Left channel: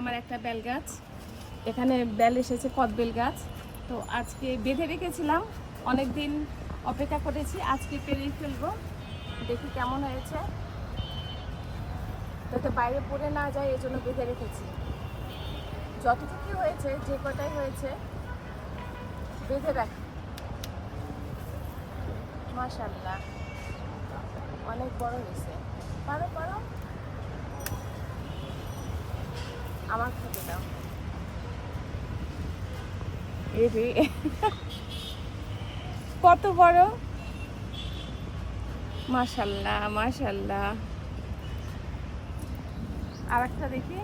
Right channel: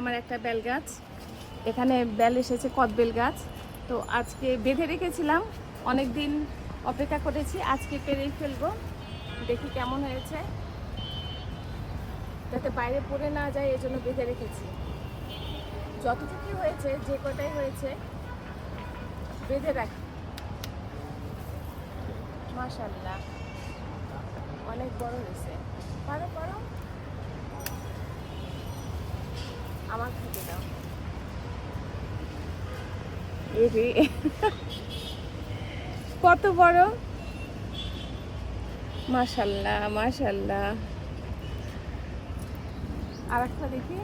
আমার একটা বেল গাছ, এখানে বেল এসেছে, কদবেল গাছ। তো আজকে বেঁধে রেখেছিলাম, অনেক দিন অপেক্ষা করেছি, আজকে পেরেই ফেলবো। দেখি কেমন হয়েছে, যাতে বাইরে পড়ে না যায় এজন্য বেঁধে রেখেছি। যতটুকু হয়েছে, যে কটাই হয়েছে বেঁধে রাখি। মাশাআল্লাহ অনেক বড় হয়েছে। পারো পারো, আমার খেতে দাও। কত বড়, মাশাআল্লাহ মাশাআল্লাহ। আর একটা দেখি,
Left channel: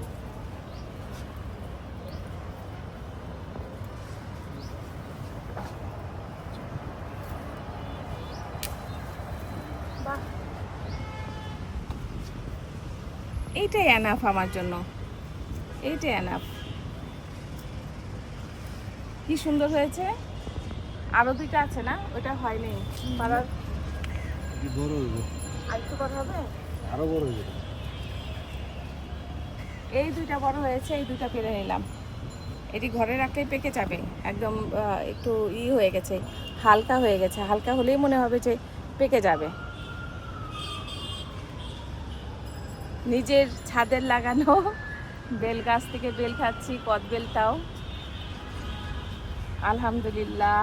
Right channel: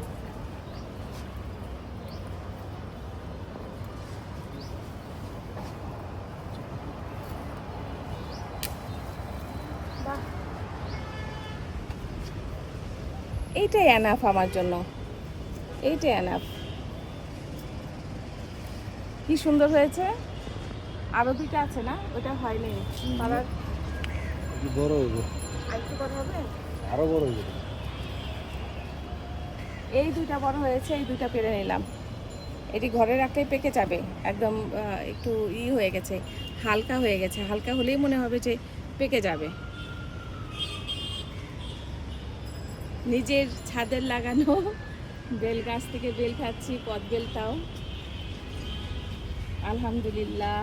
এইটাই এনাফ আমার জন্য, এইটাই এনাফ। কি সুন্দর হয়েছে। আরো দুইটা আছে না, ওটা হয়নি, বড় হইব, আরেকটু কথা হবে, আরো বড় হইব। এই দুইটা বড় হয়েছে, এই দুইটা পেরে নিলাম। এটি ঘরে রাখলেই পেকে যাবে, একদম একটু হয়ে গেছে, হালকা হয়ে গেছে, হালকা হলেই মনে হবে যে পেকে যাবে। নিজের ছাদের লাগানো বেল গাছ থেকে বেল খাচ্ছি, কদবেলটাও আলহামদুলিল্লাহ।